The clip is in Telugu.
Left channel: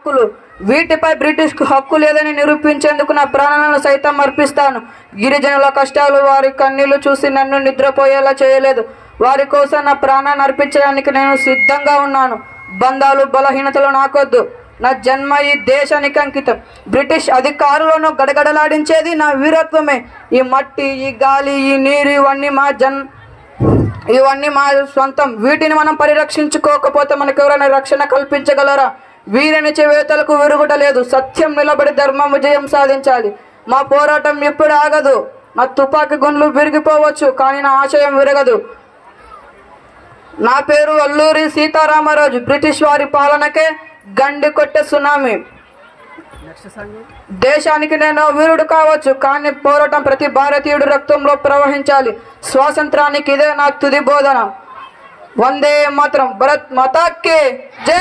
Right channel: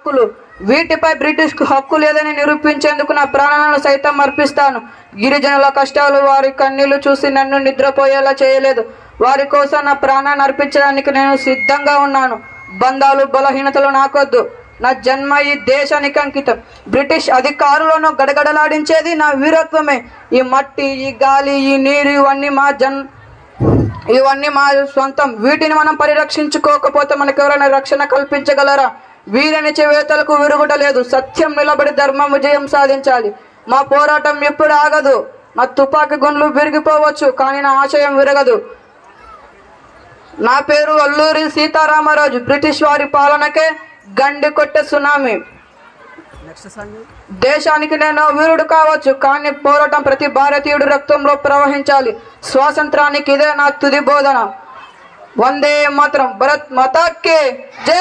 హక్కులు వీటిపై బ్రిటిష్ కు హక్కు లేదని నిరూపించేందుకు నా ప్రాణాలను సైతం అర్పిస్తాను. గిరిజనుల కష్టాలు, వారి కన్నీళ్లు చూసి నన్ను నిద్రపోయేలా చేయలేదు. వారి కోసం నా ప్రాణాన్ని అర్పించడానికి నేను సిద్ధంగా ఉన్నాను. బంధాలు, బలహీనతలు నాకొద్దు. నా జన్మ ఈ దేశానికి అంకితం. బ్రిటిష్ అధికారులను గడగడలాడించేది నా వీరత్వమే. ఈ మట్టి, ఈ గాలి, ఈ నీరు ఇవన్నీ మా సొంతం. వీటిని మనం పరిరక్షించుకోకపోతే మనకెవరైనా రక్షణ కల్పించగలరా? వీరని చేవేతలకు విరుగుడలేదు. సత్యం నిలబడి ధర్మం విజయం సాధించాలి. మా పోరాటం ఎప్పుడు ఆగదు. నా తుపాకీ గుండ్లు విరిగిపోవచ్చు, కానీ నా ఆశయం విరగదు. నా పేరు అల్లూరి సీతారామరాజు. బ్రిటిష్ వారి పాలనకే గండి కొట్టే సునామీ. దేశానికి నేను వీరుడు కావచ్చు, కానీ పోరాటం ప్రతి భారతీయుడు రక్తంలో ప్రవహించాలి. స్వాతంత్రానికి ఇదే నా తుది బోధన. వందే మాతరం. భారత్ మాతా కీ జై.